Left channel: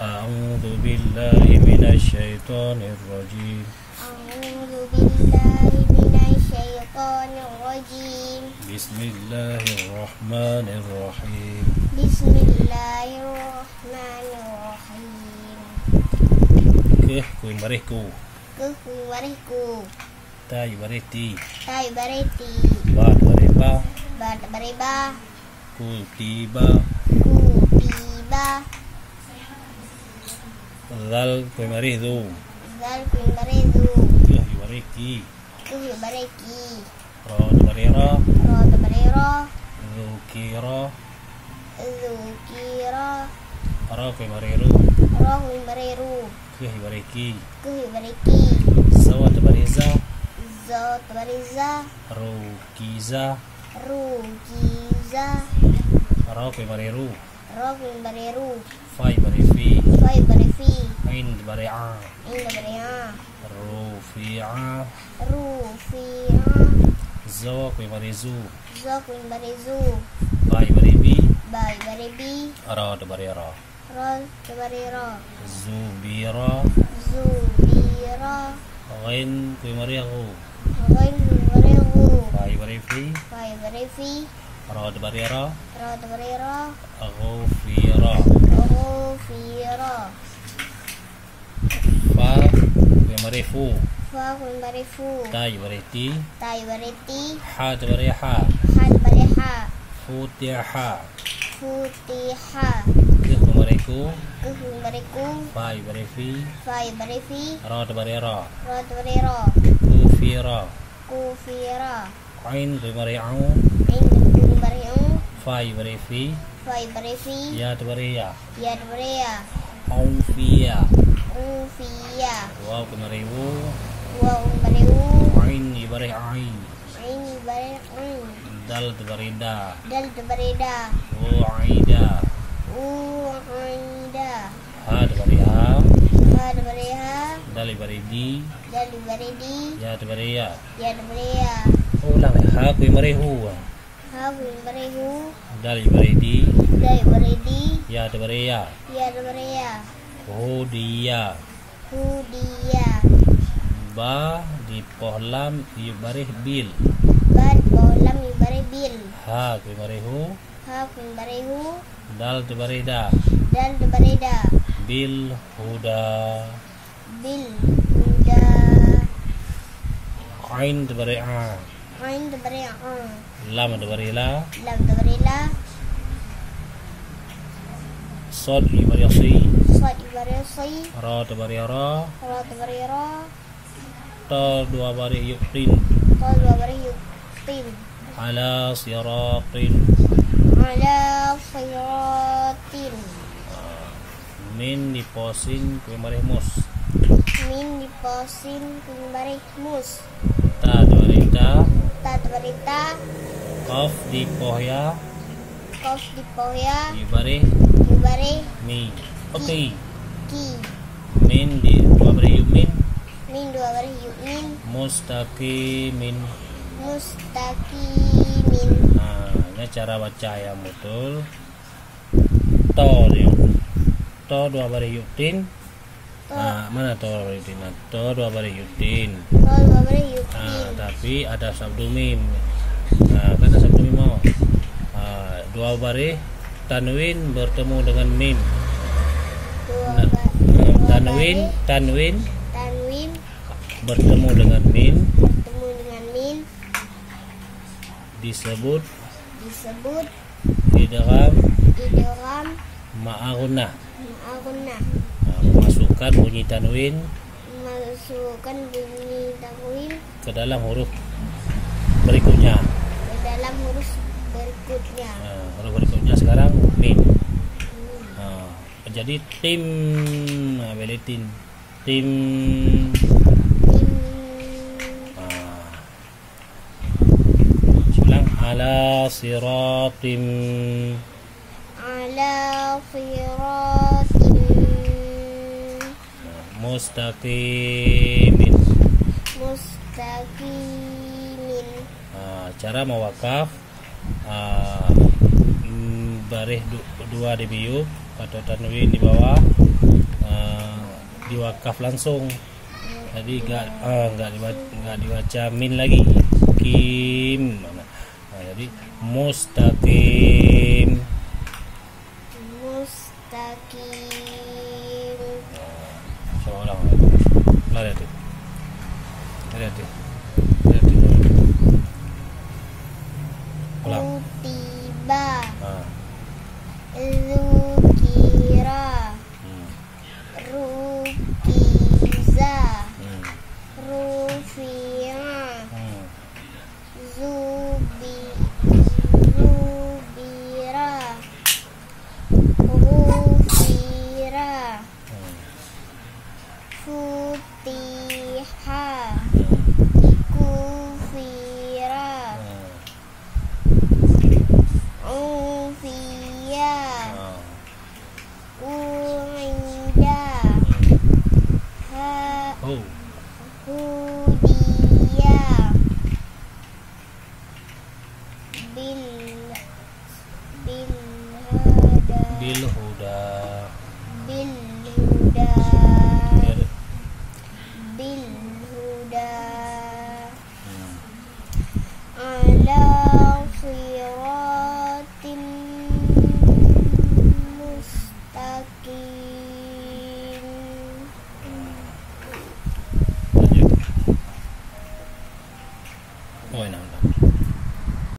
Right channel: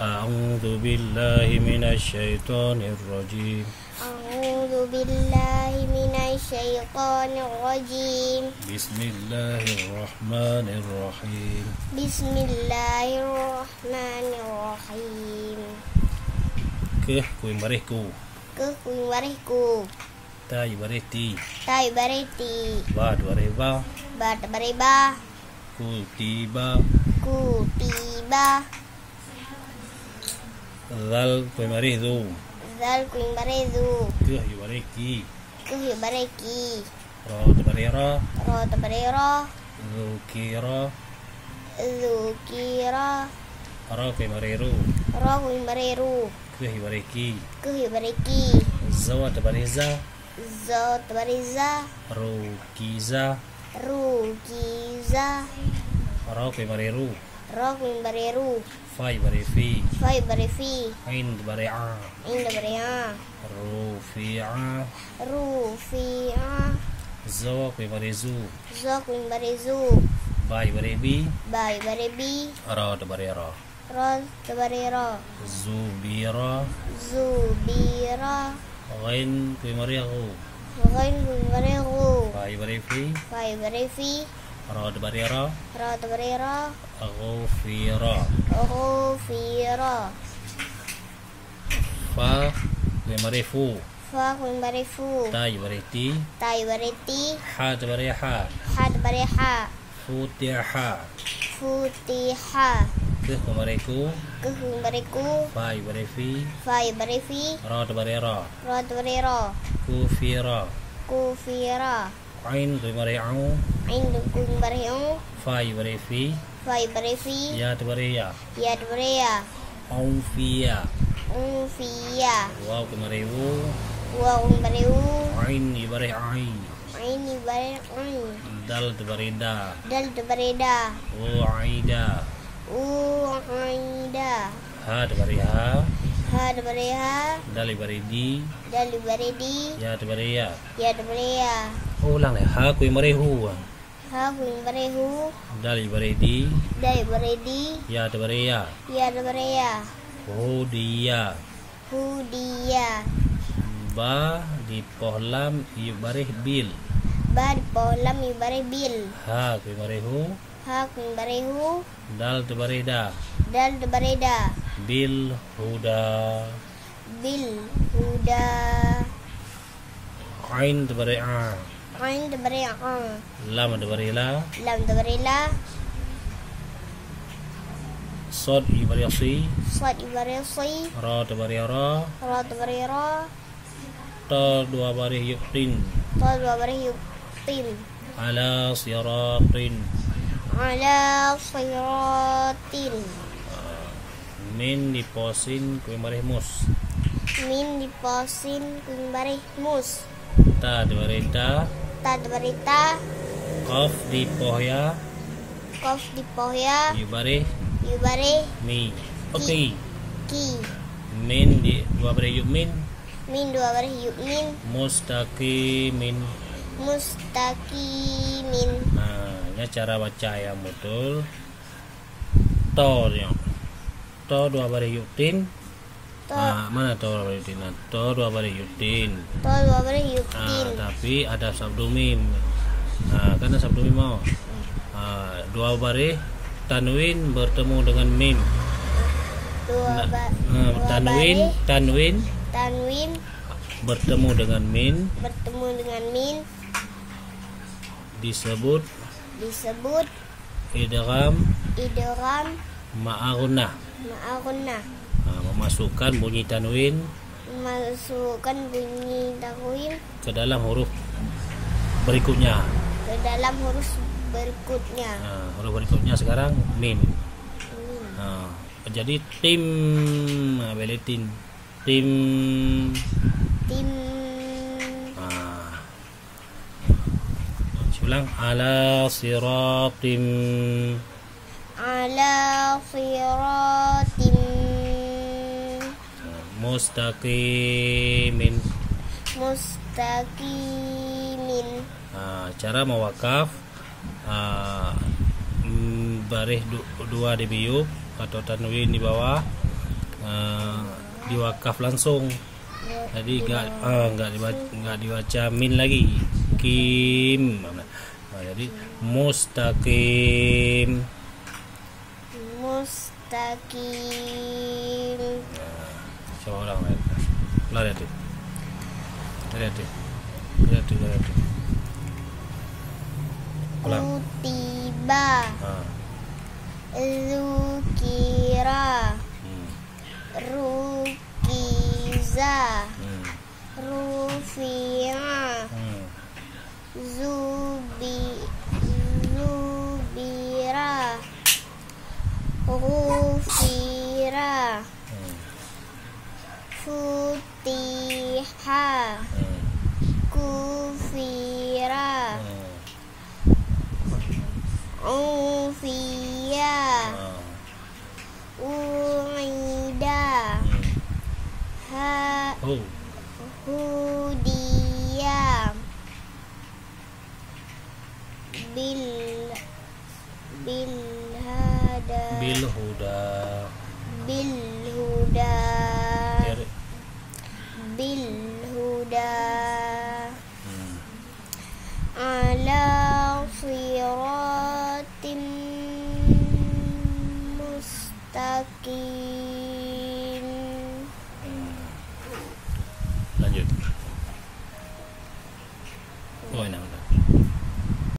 أعوذ بالله من الشيطان الرجيم. أعوذ بالله من الشيطان الرجيم. بسم الله الرحمن الرحيم. بسم الله الرحمن الرحيم. Ke kui mariku. Ke kuwariku. Tai bareti. Tai bareti. Ba bareba. Bat bareba. Ku tiba. Ku tiba. Zal kui maridu. Zal kuwaridu. Ke bareki. Ke bareki. Ra barera. Rot barera. Zukira. Zukira. Ra kui mariru. Ra kuwariru. Ke bareki. Ke bareki. Zawat bareza. Zot bariza. Rukiza. Rukiza. Ra kui mariru. Ra kuwariru. Fai barefi. Fai barefi. Ain bare'a. Inda baria. Rufi'a. Rufi'a. Zawa kui marizu. Zo kuwarizu. Bai barebi. Bai barebi. Ra barera. Rot barera. Zubira. Zubira. Ghain kui mariahu. Ghain kuwariru. Fai barefi. Fai barefi. Ra barera. Rot barera. Ghufira. Ghufira. Fa kui marifu. Fa kuwarifu. Tai bareti. Tai bareti. Ha bareha. Had bareha. Futiha. Futiha. Ke kui mariku. Ke kuwariku. Fai barefi. Fai barefi. Ra barera. Rot barera. Kufira. Kufira. Ain kui mari'u. Inda kuwariu. Fai barefi. Fai barefi. Ya bareya. Yad baria. Aufia. Ufia. Wow kui mariwu. Wa umbareu. Ain ibareh ain. Ini bareu. Dal barida. Dal bareda. Wa'ida. U'aida. Ha bariha. Had bareha. Dal baridi. Dal baredi. Ya bareya. Yad baria. Ulang ha kui marihu. Ha umbareu. Dal baridi. Dal baredi. Ya bareya. Yad baria. Hudiya. Hudia. Ba di pohlam ibareh bil. Bad bolam ibare bil. Ha kui marihu. Ha umbareu. Dal barida. Dal bareda. Bil huda. Bil huda. Ain bare'a. Ain baria. Lam barila. Lam barela. Sod ibariyasi. Sad ibare si. Ra bariyara. Rot barera. Ta dua barih yuktin. Tol bare yuktin. Ala siratin. Ala siratin. Min diposin kui marih mus. Min diposin kumbare mus. Ta barita. Tad barita. Qaf di pohya. Kof di pohya. Ibarih Ibare. mi. Okey. Ki. Min di dua barih yumin. Min dua bare yukmin. Mustaqimin. Mustaqimin. Ini cara baca yang betul. To dia. To dua barih yuktin. Mana to dua barih yuktin? To dua barih yuktin. Tol dua bare yuktin. Tapi ada sabdu mim. Karena sabdu mim mau. Dua barih tanwin bertemu dengan mim. Tanwin Tanwin. bertemu dengan min Bertemu dengan min. disebut Disebut. idgham Idgham. ma'aghna. Ma'aguna. Memasukkan bunyi tanwin Masukkan bunyi tanwin ke dalam huruf berikutnya. ke dalam huruf berikutnya. Huruf berikutnya sekarang min. Jadi tim beletin tim. Tim. Ulang ala siratim. Ala siratim. Mustaqimin. Mustaqimin. Cara mewakaf barih dua dibiuk atau tanwin di bawah, diwakaf langsung. Jadi nggak dibaca min lagi. Kim. Jadi mustaqim. Mustaqim. Seorang lihat deh. Ulang. Kutiba. Ah. Zukira. Rukiza. Rufi'a. Zubira. Ghufira. Futiha. Kufira. Unfiya. Uida. Oh. Hudiya. Bilhuda. Bilhuda. Ya, deh. Bilhuda.